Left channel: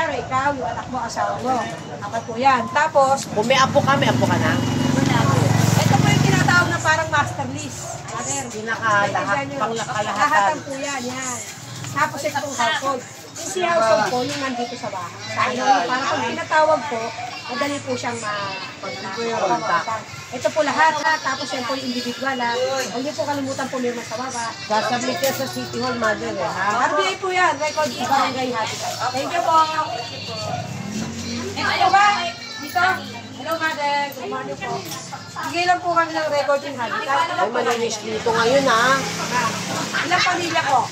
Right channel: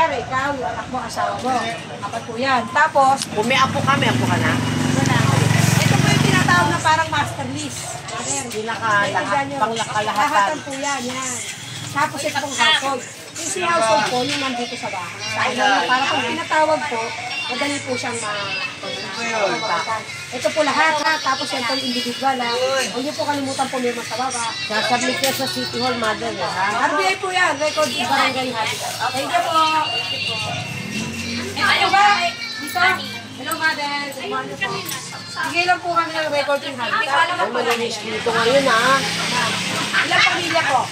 kunyari, ikaw, yung anak mo, asawa mo. Apat po yan. Tapos, Kung may apo ka na? wala. Ito po yung tinatawag na parang master list. Panglakalahatan. Po yan. Tapos ito pong household. Yung si household po, yung nandito sa bahay. Para pag pinatawag po, madali po siyang pagkakan. Ito po lahat ha. Tapos yan po yung individual ha. Huwag niyo po kalimutan pumirma sa baba. Sasabit niya sa City Hall, mother. RBI po yan. Record of Barangay Habitat. Thank you po. Ano ba? Dito? Hello, mother. Good morning po. Bigay lang po kami ng recording habitat. Ay, malinis dito ngayon, ha? Ilang pamilya ko?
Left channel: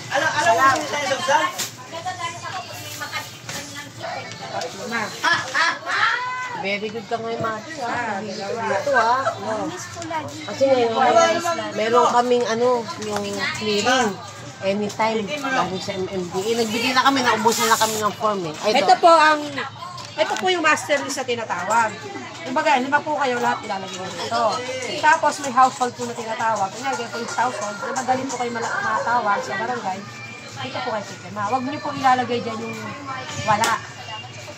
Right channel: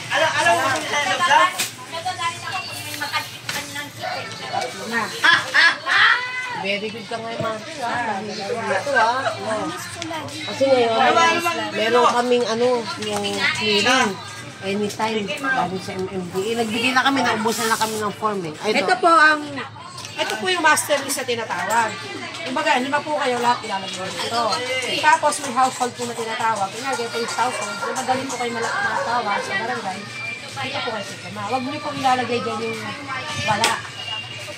Ma. Very good ka ngayon, mother, ha? Ito, ha? Kasi ngayon, meron kaming, yung clearing. Anytime, galing sa MMDA. Nagbigay na kami, naubusan na kami ng form, eh. Ito po yung master list na tinatawag. Kumbaga, 5 po kayo lahat ilalagay mo dito. Tapos may household po na tinatawag. Kunyari, kayo po yung household, na madali po kayo matawag sa barangay. Dito po kayo sigama. Huwag niyo po ilalagay dyan yung wala.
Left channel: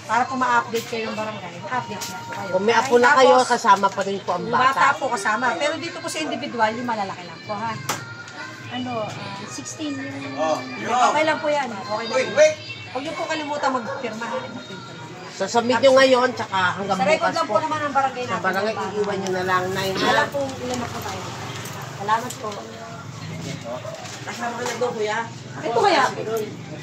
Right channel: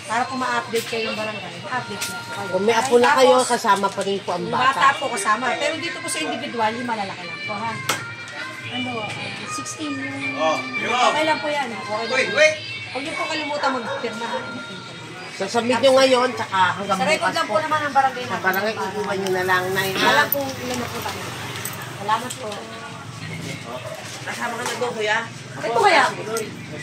Para po ma-update kayo ng barangay. Ma-update na po kayo. Kung may apo na kayo, kasama pa rin po ang yung bata bata. po kasama. Pero dito po sa individual, yung malalaki lang po, ha? 16 yung... Okay lang po yan, ha? Okay lang po. Huwag niyo po kalimutan mag-firma, ha? Sasabit nyo ngayon, tsaka hanggang Sa record bukas lang po po. naman ang barangay Sa natin. barangay, iiwan nyo na lang na yun. Alam po ilan na po tayo. Salamat po. Kasama ka na doon, kuya? Ito kaya?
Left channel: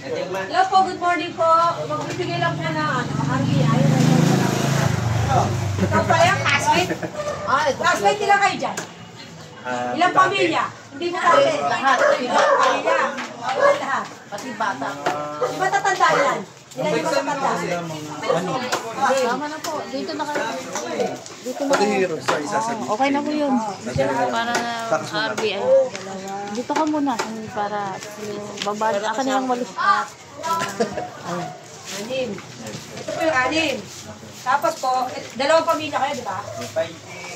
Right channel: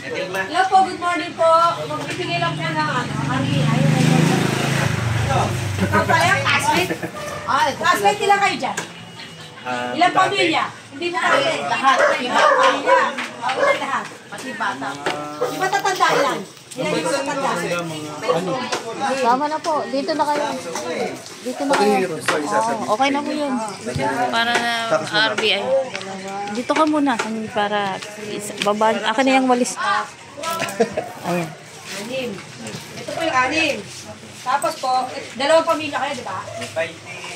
Hello po, good morning po. Magbibigay lang po ng RBI. Ikaw pala yung classmate? Classmate, ilan kayo dyan? Ilang pamilya? Hindi mo kayo. Lahat. Ilang pamilya? Ilan lahat? Pati bata. Di ba tatanda ilan? Ilan yung matatanda? Tama na po. Dito na kayo. Dito na kayo. Oh, okay na po yun. Para na RBI. Dito ka muna. Para baba. Akin na yung walis. Ayan. 6. Ito po yung 6. Tapos po, 2 pamilya kayo, di ba?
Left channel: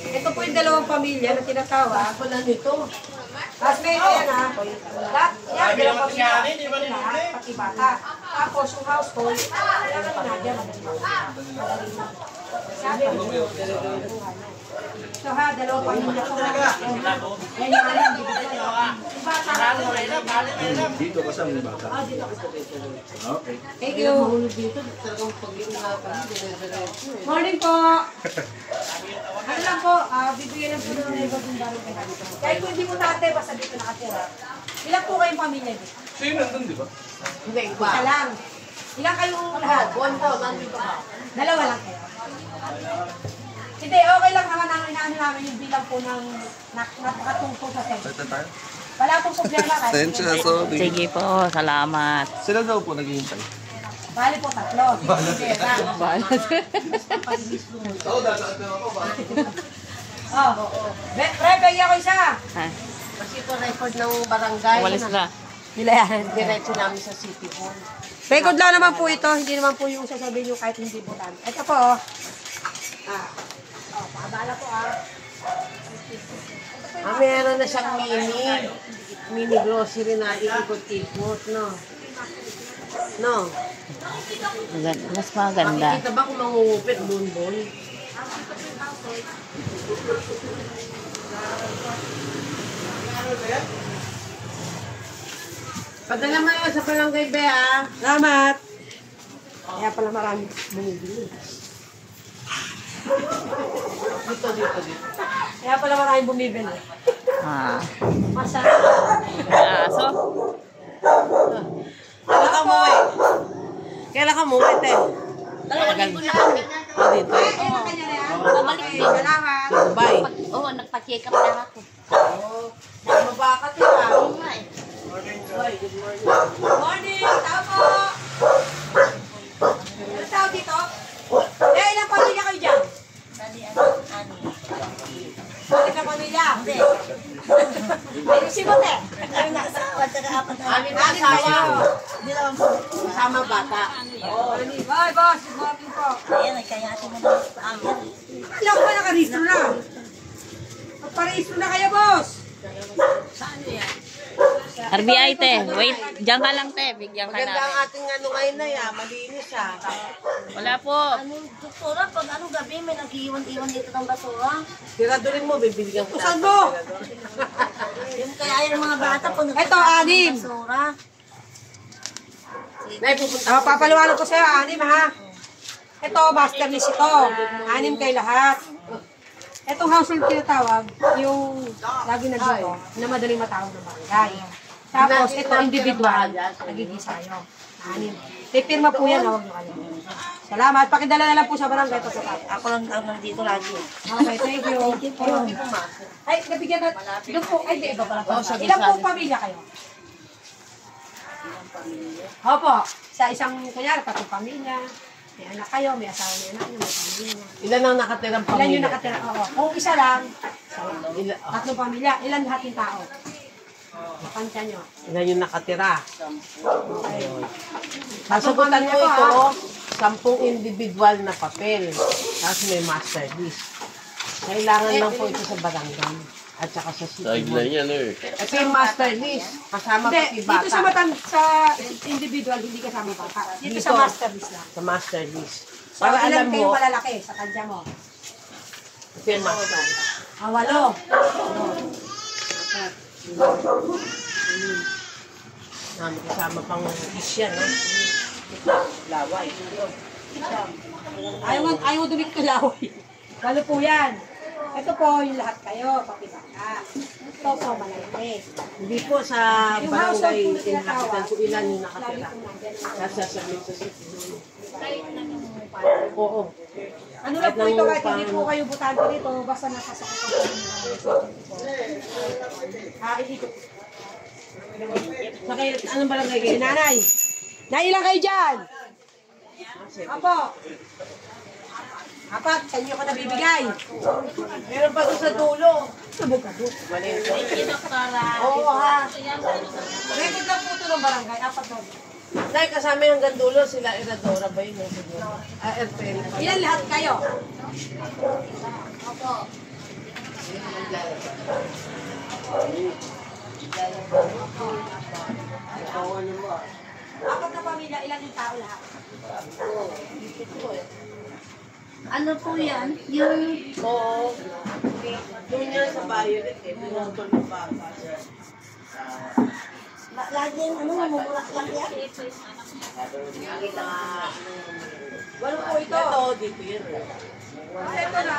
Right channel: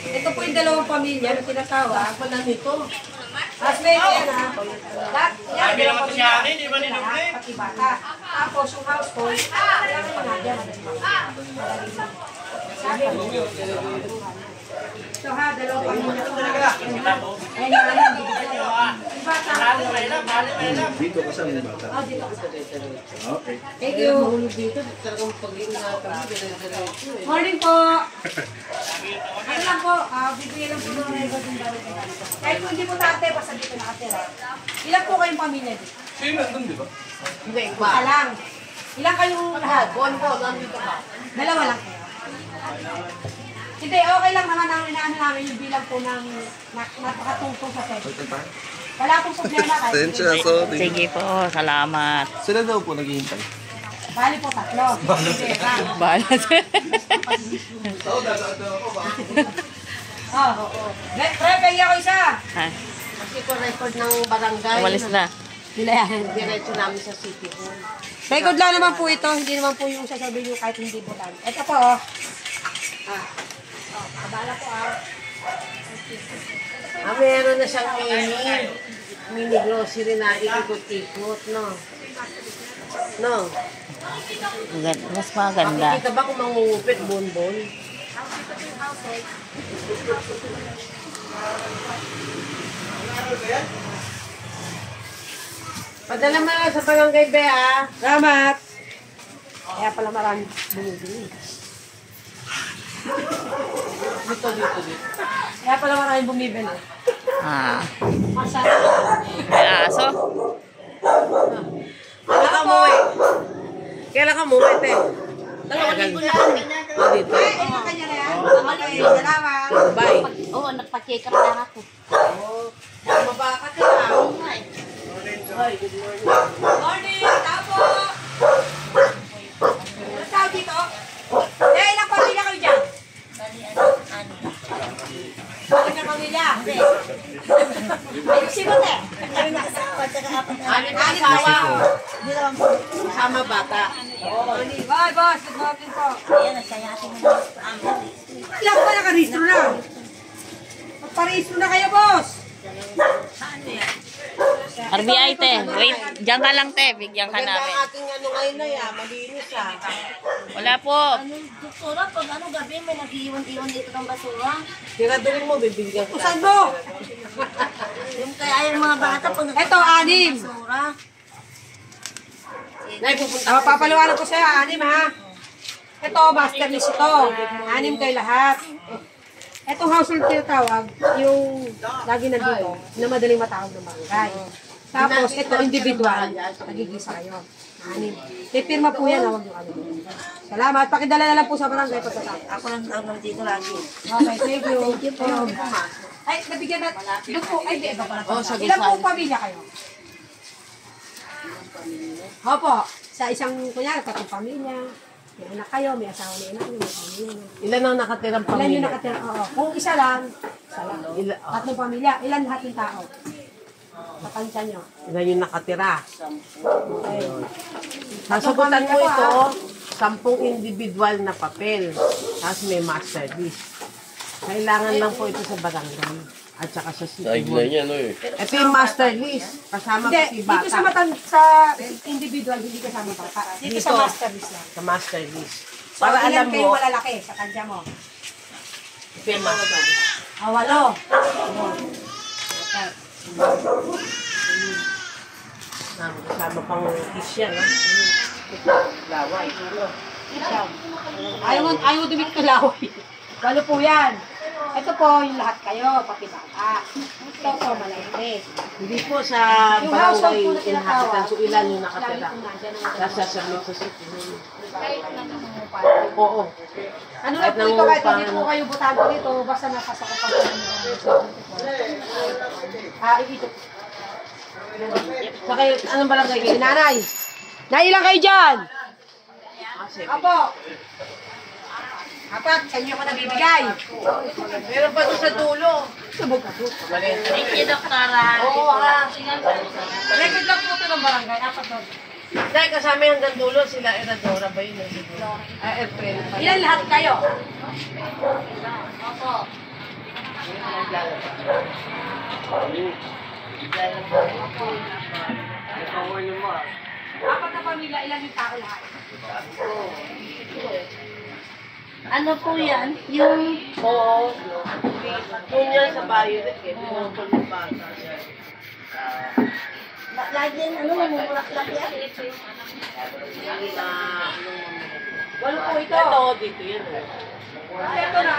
Ito po yung 2 pamilya na tinatawag. Ako lang nito. Classmate, ayan ha. Lahat, yan, 2 pamilya. Lahat, pati bata. Tapos yung household, kailangan yung nagyan, madali makuha. Sabi mo, ito ha, 2 pamilya ko ha. Ayan yung alam, yung bata ha. Dito kasama yung bata. Dito ka sa. Okay. Thank you. Mahulog dito, talagang pag-iingatan mo, dire-diretso eh. Morning po. Ano lang po, bibigyan lang po ng record ng barangay. Kahit kung hindi po tate, basta dito nakatira. Ilan po kayong pamilya dito? Sino nandun, di ba? Hindi, Isa iba. lang. Ilan kayong lahat? Buwan ko, nandito ka. 2 lang kayo. Hindi, okay lang naman ang inaano namin yung bilang po ng napakatungtong sa sentence. Wala pong problema kahit. Sige po. Salamat. Sila daw po naghihintay. Bali po 3. Sige, Balat. Pre, pegi ako isa. Kasi ito record ng barangay. Walis na. Diretso namin sa City Hall. Record lang naman po ito, hindi naman po yung sasabihin nyo kahit hindi butan. Ito po, oh. Pakabala po, Meron na siyang mini grocery na ikot-ikot, no? No? Mas maganda. Makikita ba kung mangungupit, bonbon? Padala mo na sa barangay, Bea. Salamat. Kaya pala maraming bumibili. Dito. Kaya pala maraming bumibili. Masarap. May aso. Kailan ka mo, ete? Dito. Kanya na yan. Salamat. Bye. Oo, nagpa-check up na ako. Mabakat ka. Morning, tao po. Ano tao dito? Ilang pamilya kayo dyan? Bakit na pamilya? Hindi. Ayun si Bote. Anin na asawa. Kasama bata. Bye, boss. Good morning po. Alam ko, nakarehistro na. Magparehistro na kayo, boss. RBI, te. Wait, diyan ka lang, te. Bigyan ka Maganda ang namin. ating ano ngayon na yan. Malinis ah. Wala po. Ano, doktora, pag ano gabi may nag-iwan-iwan dito ng basura. Tiradurin mo, bibigyan ko. Saan mo? Yung kaya yung mga bata pag Ito, anim. basura. Nay, pupunta Oh, papaliwanag ko sa'yo, anim ha. Ito, masterless ito. Anim kayo lahat. Itong household tinatawag, yung lagi nandito, na madaling matawag ng barangay. Tapos, ito individual, nagigisa kayo. Anim. Pipirma po yan, huwag nyo kami. Salamat. Pakidala na lang po sa barangay pagkatapos. Ako lang naman dito lagi. Okay, thank you. Ayun. Ay, nabigyan na. Doon po, ay, di, iba pala. Ilan po pamilya kayo? Opo. Sa isang, kunyari, tatlong pamilya. May anak kayo, may asawa, may anak nyo, may pamilya nyo. Ilan ang nakatirang Ilan pamilya? yung nakatira? Oo. Kung isa lang, tatlong pamilya. Ilan lahat yung tao? Makansya nyo. Ilan yung nakatira? Ayun. Sasagutan mo ito, 10 individual na papel. Tapos may master list. Kailangan lang po ito sa barangay. At saka sa city hall. niya, no eh. Ito yung master list. Kasama Hindi, pati dito sa bata. sa individual, hindi kasama bata. Dito sa master list lang. Sa master list. So, Para ilan alam kayo mo, malalaki sa kanya mo? ito yung master list. 8. Kasama pang isyan, ha? Laway. Ayaw dumit ko laway. 8 po yan. Ito po yung lahat kayo, pati bata. Ito po malalaki. Hindi po sa Yung household barangay po na tinatawag, inhabitan kung ilan yung lagi nakatira. po nandyan ang Sasasabihin sa city hall. Oo. ano na po ito, kahit hindi po kayo butante dito, basta nasasakupan po ng ito. Sa kayo, anong barangay kayo? Nanay! Nailang kayo dyan? Apo! Apat, sa inyo ko nabibigay. Meron pa doon sa dulo. Subog ka doon. Thank you, doktora. Oo ha. Record lang po ito ng barangay. Apat na. Dahil kasama yung hanggang dulo, sila Eradora ba yun? Airplane. Ilan lahat kayo? Apat na pamilya, ilan yung tao lahat? Ano po yan? Yung Oo. Doon yan sa Violet eh. Doon po ng bata. laging ano, mumulak-lak yan. Walo po ito. Ito, dito yun. Ito na.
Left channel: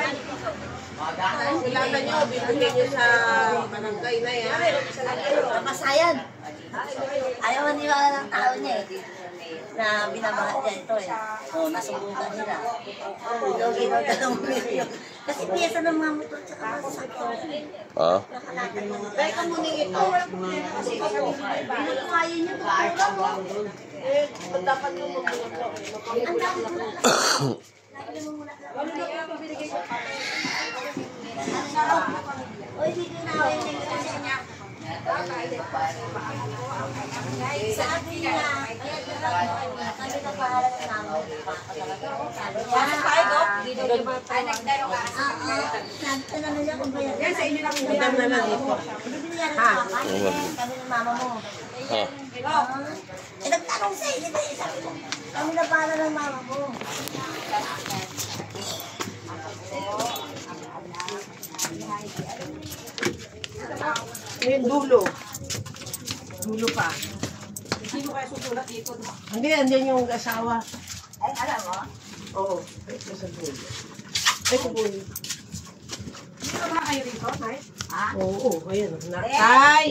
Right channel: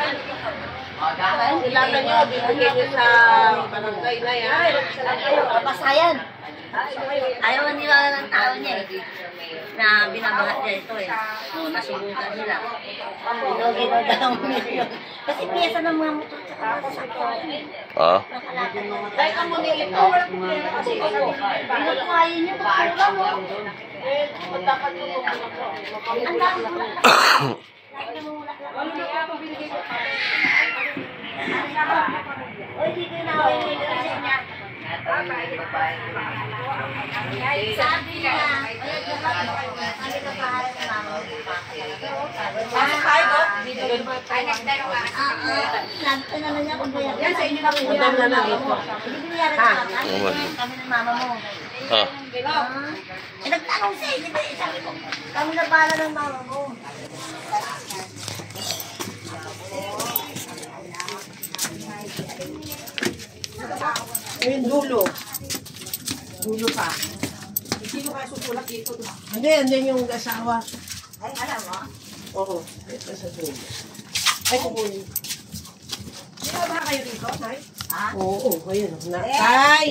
Kailangan nyo, bibigay nyo sa barangay na yan. Kapasayan. Ayaw nga nila ng tao niya eh. Na binabahat niya ito eh. O nasubukan nila. Gino-gino daw million. Kasi piyesa ng mga motor tsaka sasakyan. Dahil ka muna ito. Pinukuhayin niyo, magpura mo. Dapat mo Ang dami mo lang. Lagi namumulak lang. Oy, dito na ako yung nililin niya. Sabi niya, kami na bahala ng mama. Pasok tayo ko. Nagto na niya kung bayan. Yan sa inyo na po. Madam na lang ito. Hindi binayaran niya. Kami ng mama mo. Eh, nagtanong siya, hindi ba? Sabi ko, kami na bahala ng mama mo. Ayun, dulo. Dulo pa. Hindi mo kaya susulat dito. Hindi, andyan yung asawa. Ay, alam mo? Oo. Ito sa dulo. Ay, kukunin. Hindi mo ba kayo dito, Nay? Oo, ayun. Ay!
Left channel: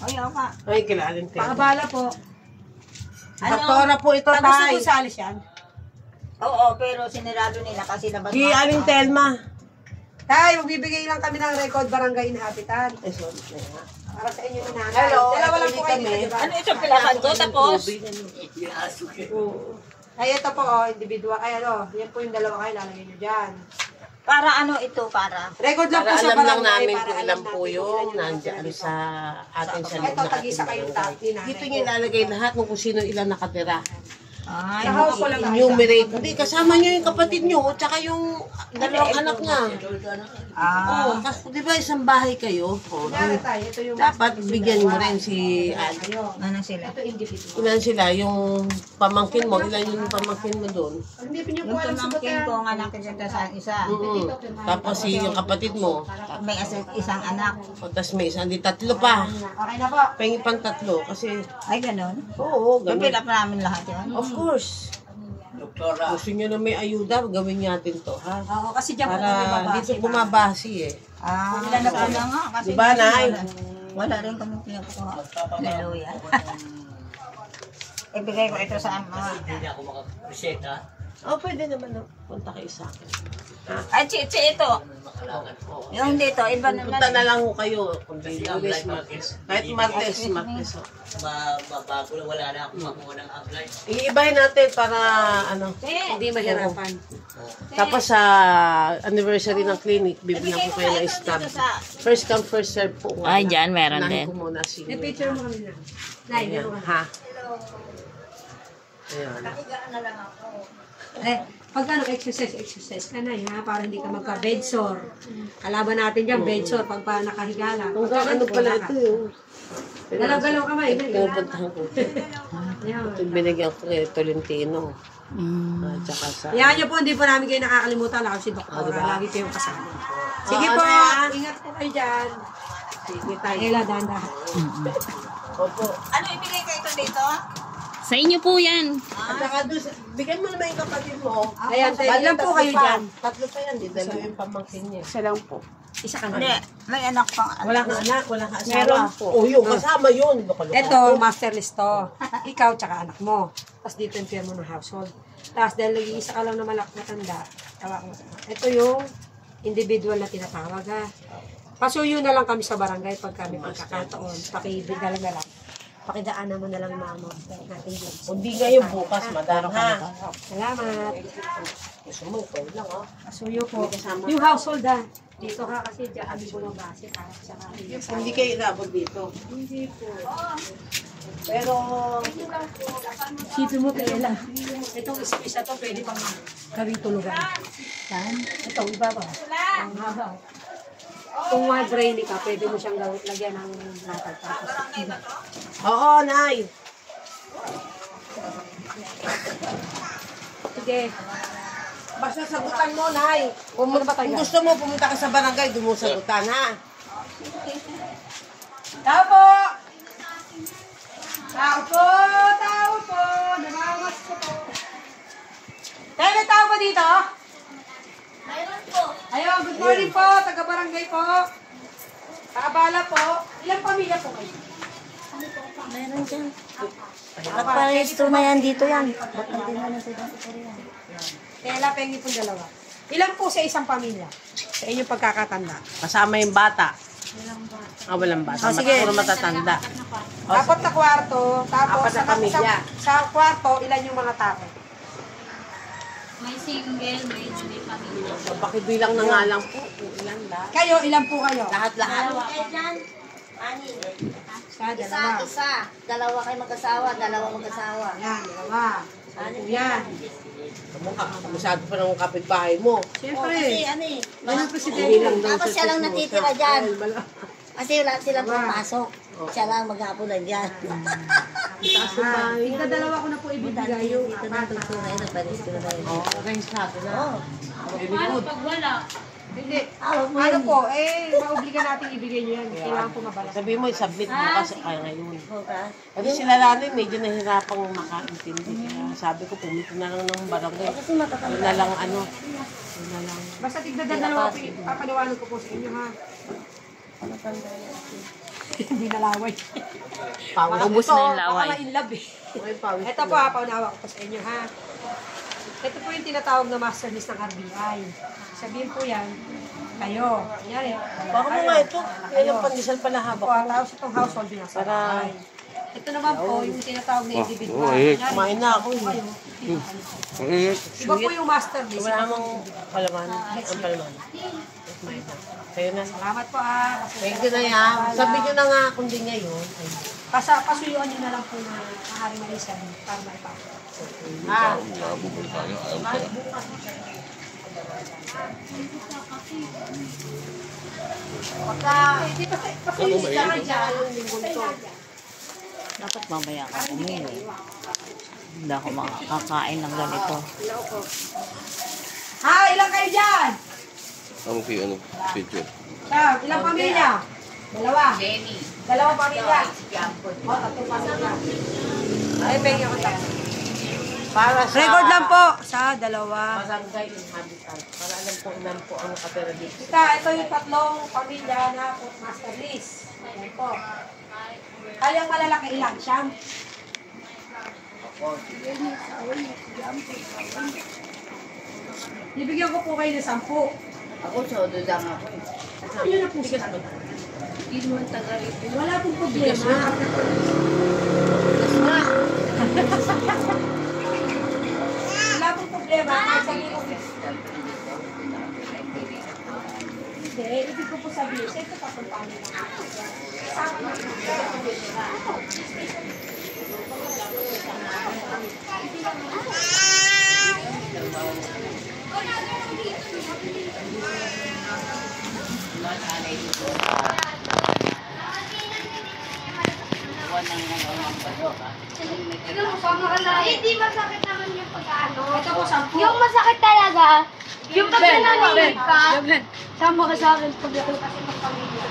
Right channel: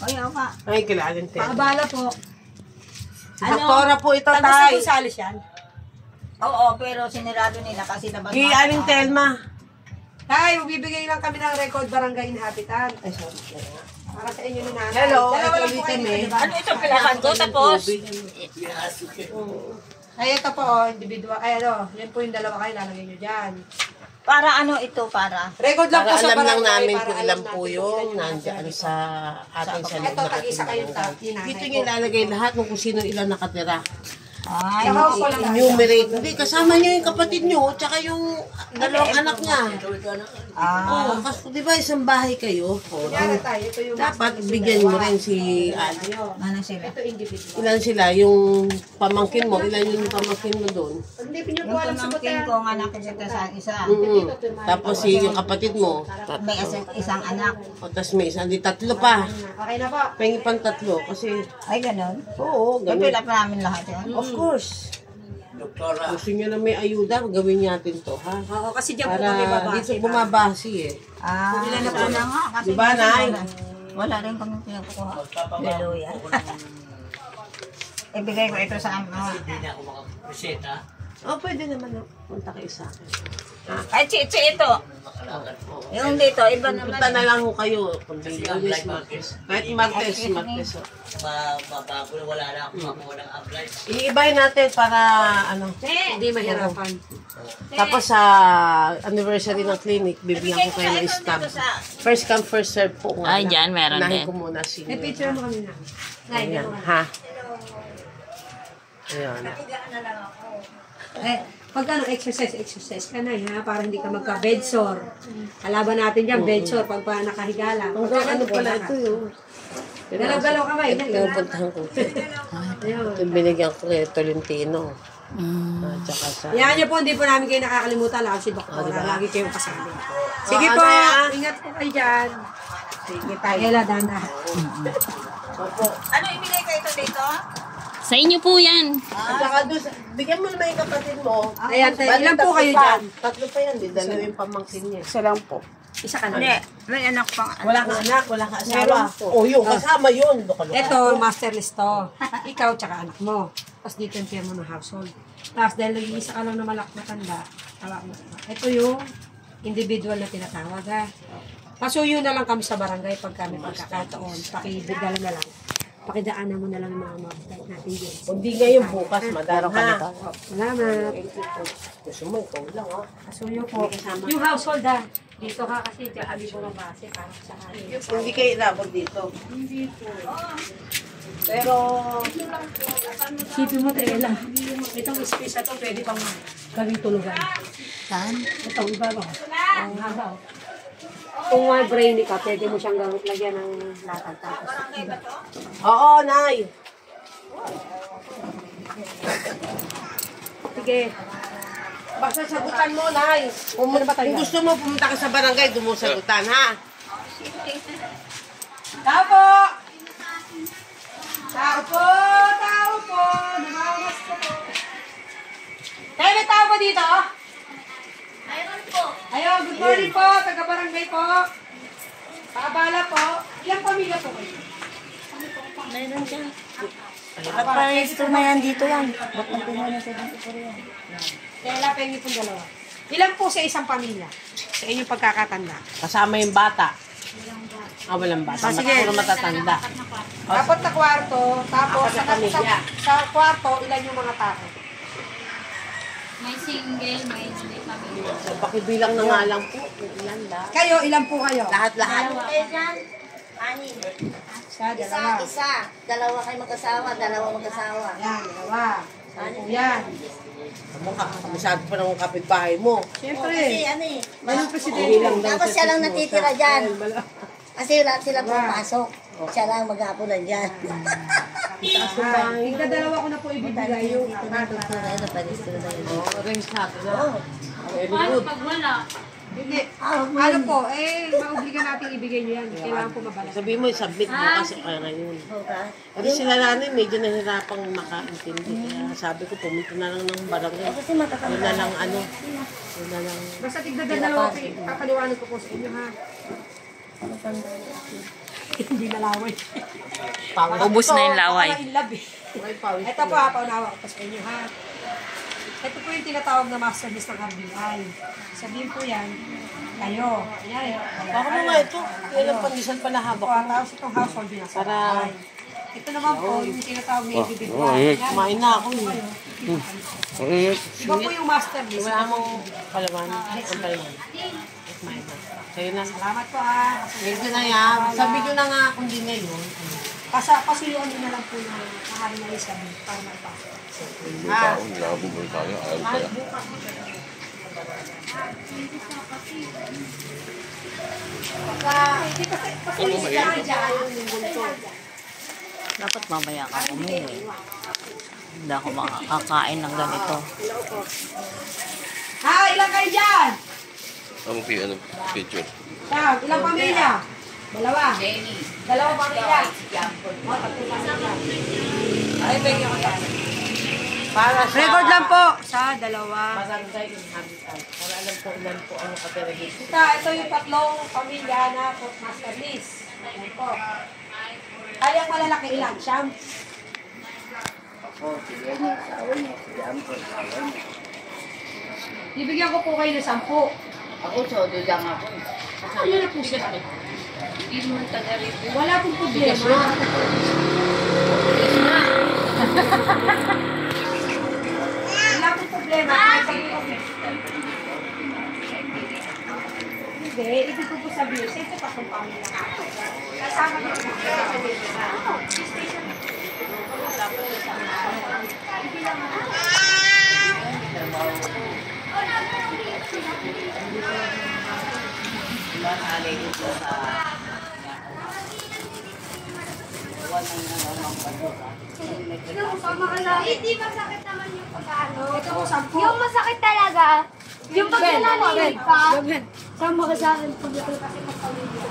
Ay, ako pa. Ay, kilalim tayo. Pakabala po. Doktora po ito, Gusto tay. ko sa alis yan. Oo, pero sinirado nila kasi labas Gi, aling Telma. Tay, magbibigay lang kami ng record barangay inhabitant. Ay, sorry. Para sa inyo na nanay. Hello, Dalawa lang po ulit kayo kami. dito, diba? Ano ito pilakan ko tapos? Ay, ito po, oh, individual. Ay, ano, yan po yung dalawa kayo, lalagay nyo dyan. Para ano ito para? Record lang Para po sa alam lang barangay. namin para kung alam ilan natin po kung yung ilan nandiyan nasa sa ating sa Ito, tag-isa kayong barangay. tatli, nanay Dito ko. niya ilalagay lahat kung sino ilan nakatira. Ay, Sa household lang. Enumerate. Hindi, kasama niyo yung kapatid niyo, tsaka yung dalawang anak niya. Oo, kasi di ba isang bahay kayo? Oo, Kaya tayo, ito yung dapat bigyan mo rin si Ali. ano sila? ito individual. Ilan sila? Yung pamangkin mo, ilan yung pamangkin mo doon? Hindi pinyo Yung po alam sa pamangkin butan. ko, ang anak ko sa isa. Tapos yung kapatid mo, May isang anak. o tas may isang, di tatlo pa. Okay na po. Pengi pang tatlo kasi, Ay, ganun. oo, ganun. Kapila pa namin lahat yun. Of course. Gusto niyo na may ayuda, gawin natin to, ha? Oo, kasi dyan po kami Para babase. dito bumabasi eh. Ah, ilan na po na nga. Kasi Diba, Nay? wala rin kami pinagkukuha. Hallelujah. Ibigay ko ito sa ama. Oh, pwede naman na punta kayo sa akin. Ay, chichi ito. Yung dito, iba naman. Punta na lang ho kayo. Kundi Lunes, Martes. Kahit Martes, Martes. oh. Bago wala na ako makuha ng apply. Iibahin natin para ano. Hindi mahirapan. Tapos sa anniversary ng clinic, bibigyan ko kayo ng stamp. First come, first serve po. Ay, dyan, meron Unahin din. ko muna si... May picture mo kanina. Nay, meron ka. Ha? Ayan. Eh, pag ano, exercise ka na, ha? Para hindi ka magka-bed sore. Kalaban natin dyan, bed sore, pag pa nakahiga lang. Pag Ano pala ito yun? Galaw-galaw ka ba? Pinapuntahan ko. Ayun. Ito binigyan ko kay Tolentino. Tsaka sa... Yan niyo po, hindi po namin kayo nakakalimutan. Ako si Doktora, lagi kayong kasama. Sige ano po, yan? ingat po kayo dyan. Sige tayo. Ela, dahan-dahan. Opo. Ano ibigay ko ito dito? Sa inyo po yan. At saka doon, bigyan mo naman yung kapatid mo. Ayan, tayo. Bali, Ilan po tatlo kayo pa. dyan? Tatlo pa yan, di dalawa yung pamangkin niya. Isa lang po. Isa ka na. Hindi, may anak pang Wala kang anak, wala kang asawa. Meron po. O yun, kasama yun. Baka-luka. Ito, master list to. Ikaw tsaka anak mo. Tapos dito yung firma ng household. Tapos dahil nag-iisa ka lang na matanda, ito yung individual na tinatawag ha. Pasuyo na lang kami sa barangay pag kami magkakataon. Pakibigala na lang. Pakidaanan mo na lang yung mga mabait natin dyan. Hindi ngayon bukas, madaro ka na. Salamat. Gusto mo, ikaw lang ha. Pasuyo po. Yung household ha. Dito ka kasi dyan kami po ng base para sa kanila. Hindi kayo inabot dito. Hindi po. Pero, Sipin mo tayo lang. Itong space na to pwede pang gawing tulugan. Saan? Ito, iba ba? Ang haba. Kung may brainy ka, pwede mo siyang lagyan ng latag. Tapos, oo, Nay. sige. Basta sagutan mo, Nay. Ano ba tayo? Kung gusto mo, pumunta ka sa barangay, doon mo sagutan, ha? Tao po! Tao po! Tao po! Namamas ko po. Tayo may tao ba dito? Mayroon po. Ayun, good morning po. Taga-barangay po. Paabala po. Ilang pamilya po kayo? Mayroon dyan. Ba't paresto na yan dito yan? Ba't natin yan? Kaya pengi pong dalawa. Ilan po sa isang pamilya? Sa inyong pagkakatanda. Kasama yung bata. Walang bata. Sige. Puro matatanda. Apat na kwarto. Tapos Apat na pamilya. sa kwarto, ilan yung mga tao? May single, may pamilya. So, pakibilang na nga lang po. Ilan lang. Kayo, ilan po kayo? Lahat-lahat. Eh, dyan. Anin. Isa, Isa, dalawa. isa. Dalawa kayo mag-asawa, dalawa mag-asawa. Yan, dalawa. Ano po yan? Masyado pa ng kapitbahay mo. Siyempre. Kasi ano eh. Yan ang presidente. Hindi lang daw Tapos sa siya lang natitira dyan. Wala. Kasi wala sila pumapasok. Siya lang maghapon na dyan. Taas ng bahay. Dalawa ko na po ibibigay yung Ito na ito na ito. Paris ko na ba yun? Oh, arrange natin na. Very Paano good. pag wala? Hindi. Ano po, maubliga natin ibigay nyo yan. Kailangan po mabalas. Sabi mo, submit mo kasi kaya ngayon. Okay. Kasi sila nanin, medyo nahirapang makaintindi. Kaya sabi ko, pumunta na lang ng barangay. Kasi matatanda. Yun na lang ano. Yun na lang. Basta tigdadalawa po, papaliwanag ko po sa inyo ha. Hindi nalaway. Ubus na yung laway. Baka in love eh. May pawis. Ito po, paunawa ko po sa inyo ha. Ito po yung tinatawag na master list ng RBI. Sabihin po yan, kayo. Kunyari, Baka mo nga ito. Yan ang pandesal pala Ako, habak. tapos itong household din nasa bahay. Ito naman po, yung tinatawag na individual. Kumain na ako. Iba po yung master list. Wala mong palaman. Ang palaman. Kumain na. Sa'yo na. Salamat po ha. Thank you na yan. Sabi nyo na nga kung di ngayon. Pasuyuan nyo na lang po na mahali na isa para maipasok. Dapat mamaya ka umuwi. Hindi ako makakain ng ganito. Ha, ilang kayo dyan? Picture. Sam, ilang pamilya? Dalawa. Dalawa pamilya. O, tatlong pamilya. Ay, pengi ako tapos. Para sa Record lang po sa dalawa. barangay inhabitant. Para alam ko ilan po ang nakatira dito. Ito yung tatlong pamilya na Postmaster list. Ayan po. Ay, ang malalaki ilang? Siyam? Bibigyan ko po kayo ng 10. Ako, sodo lang ako. Ano na po siya? Hindi naman taga rito. Wala pong problema. Wala pong problema. Kahit sabihin ko, hindi, ibig ko po sabihin, sa ito pa kung paano lang. Kasama niyo po sa pamilya. Hindi masakit naman yung pag-ano. Ito po, 10. Yung masakit talaga, yung pag nananahimik ka. Sama ka sa akin pag ako kasi magpamilya.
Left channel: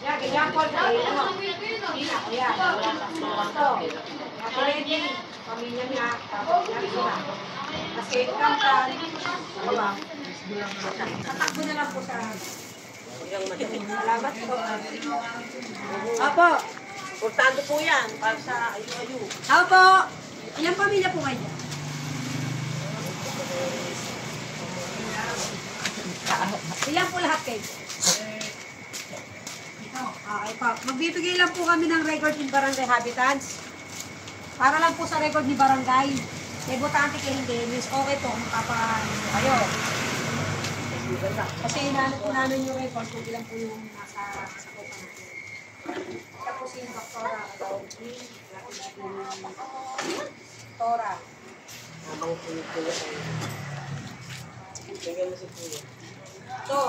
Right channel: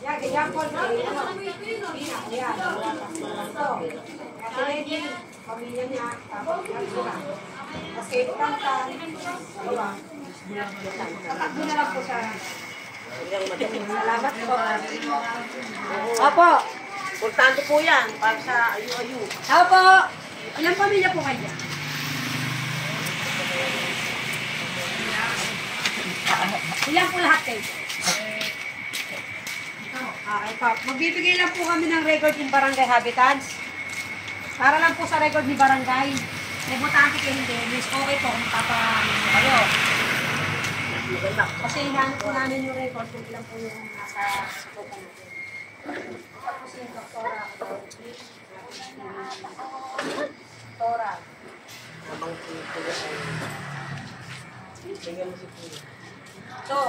Yan, ganyan po. Hindi na ko yan. Wala pa ito. Ate Lady, pamilya niya. Tapos yan, diba? Kasi ikantan. Diba? Tatakbo na lang po sa... Salamat po. Apo. Importante po yan para sa ayu-ayu. Apo. Ilang pamilya po kayo? Ilan po lahat kayo? Okay po. Magbibigay lang po kami ng record in Barangay Habitants. Para lang po sa record ni Barangay. May butante kayo hindi. Miss, okay po kung papaano kayo. Kasi inaano po namin yung record kung ilan po yung nasa kopa natin. Tapos yung doktora. Doktora. Ito,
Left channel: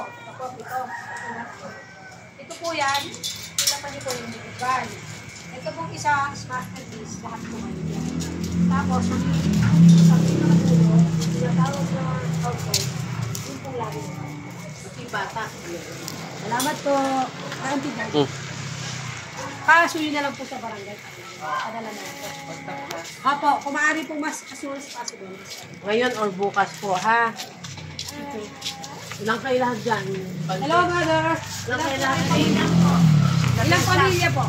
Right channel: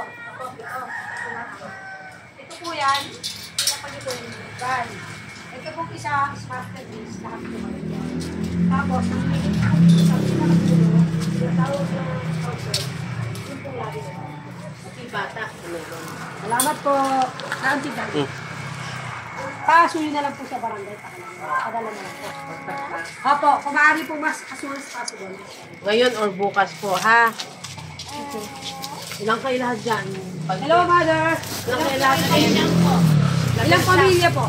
ito po yan. Ito pa niyo po yung medical. Ito pong isa, master list, lahat po. Tapos, hindi po sa pinakapulo, tinatawag na mga household, yun pong lagi nila. Bata. Salamat po. Naantid lang. Pasuyin na lang po sa barangay. Padala na lang po. Opo, kung maaari po mas as soon as possible. Ngayon or bukas po, ha? Ilang kayo lahat dyan? Hello, mother. Ilang kayo lahat dyan? Ilang pamilya po?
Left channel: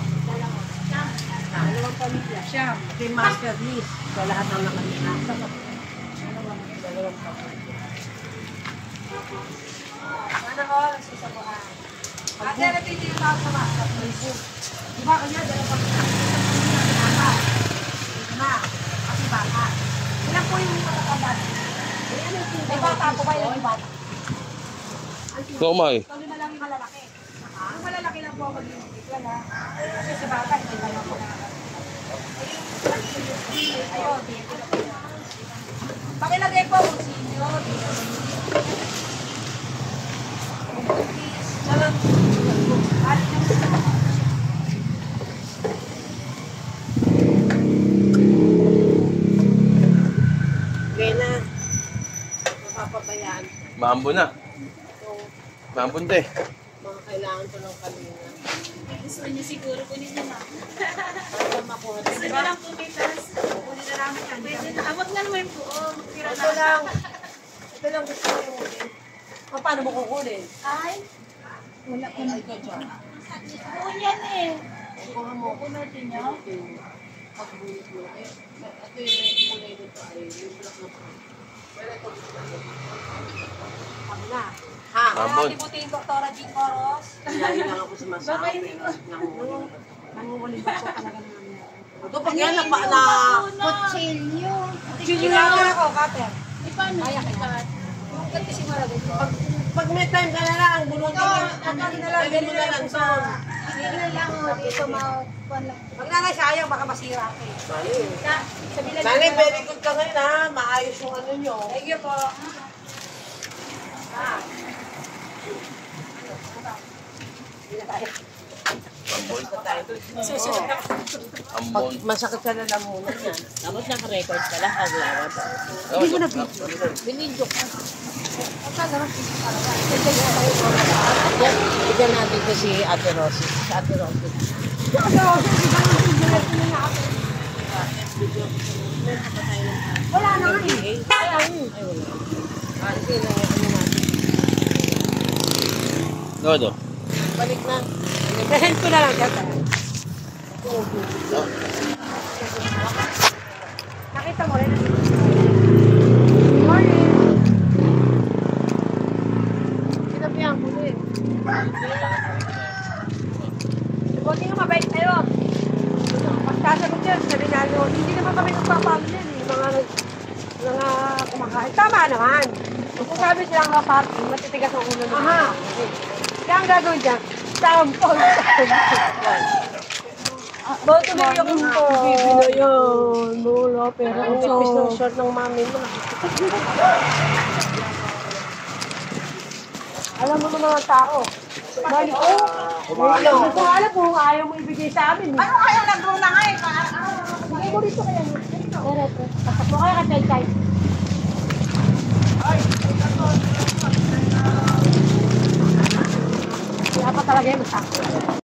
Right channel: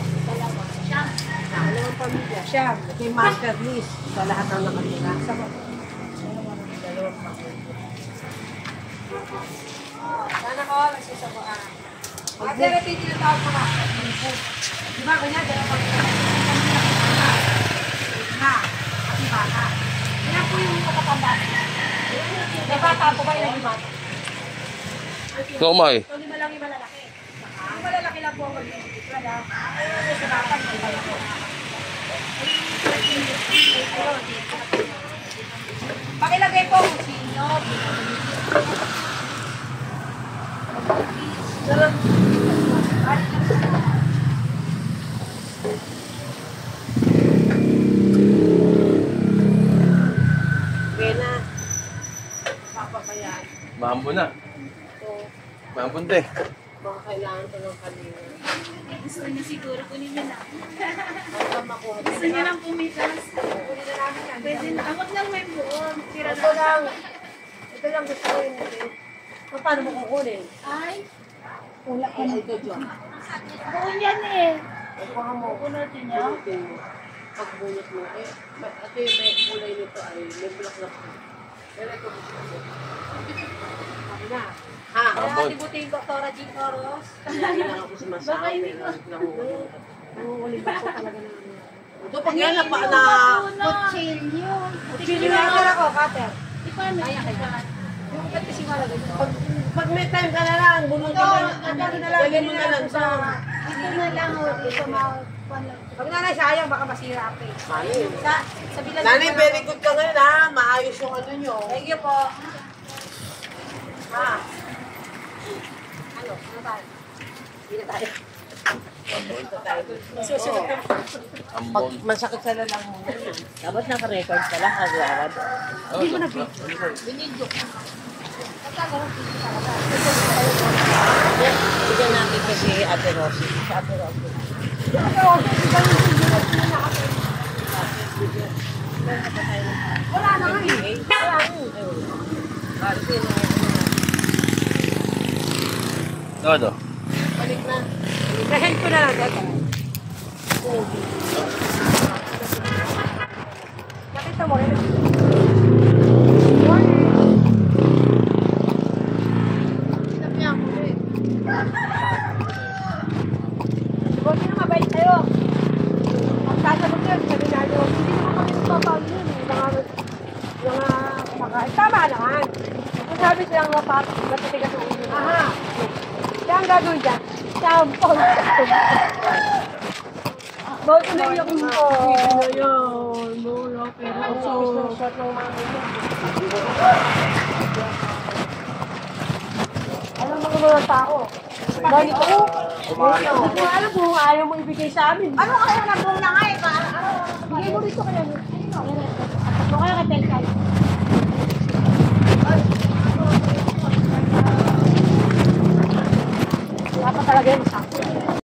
Dalawang pamilya. Siyam. Ito yung master list sa lahat ng nakatira. Sana ko, nagsasabuan. At therapy din ang tawag ko na. Diba, ganyan, dalawa pamilya. Lima. Kasi bata. Ilan po yung matatanda? May bata po ba ilang bata? Ikaw, May. So, 5 lang yung malalaki. Yung malalaki lang po ang mag-individual, ha? Kasi sa bata, hindi ba lang po. Pakilagay po kung sino. Kaya na. Napapabayaan. Mambo na. Mambo te. Mga kailangan ko ng kanina. Gusto niyo siguro kunin niyo na. Para makuha. Gusto niyo lang pumitas. Kunin na namin yan. Pwede na. Abot na may buon. Tira Ito na. lang. Ito lang gusto ko yun. Paano mo kukunin? Ay, Wala ko na ito dyan. buon yan eh. Baka mo. Punutin niyo. Pagbunot mo. Ito yung may kulay nito ay may black na po. Pero ito gusto ko. Ako na. Ha? Mambon. Kaya tibutin Doktora G. Coros. Lagi lang ako sumasama. Pero nanguhuli. Nangungulit ako talaga ng ano. Ito pag yan na Kutsilyo. Chili cutter ako, cutter. Di paano? Kaya kaya. Ba't kasi malagay ko? pag may time ka na lang, bunutin mo. Ito, Dali mo na lang sa Ito na lang o. Ito Pag nanay sayang, baka masira pa eh. Sa bilang Nanay, very good ka ngayon ha. Maayos yung ano nyo. Thank you po. Ambon. Masakit sa lalamunan yan. Dapat naka-record ka lang. Kagawad. Hindi mo na Binidyo ko. Yan, bigyan natin kasi Ate Rosie. Si Ate Rosie. Wala na rin. Ay, wala. Kasi na, Dodo. balik na. Present ko na lang data. Nakita mo rin. Sinabihan ko eh. Subukin mo mabait kayo. Ang sasagot niya, sabi lalo, hindi naman kami kupapalo yan eh. Mga kumakain. Tama naman. Ito sabi silang mga party, natitigas ako naman. Aha. Kaya ang gagawin dyan, sampol. Bakit ko na yung bibi na yun? Wala, pero ang nipis ng short ng mami mo. Alam mo kung mga tao. Dahil ko, hindi ko alam kung ayaw mo ibigay sa amin. Ano ayaw ng luna nga eh? Bigay mo rito kaya mo. Tatlo kaya ka tayo tayo.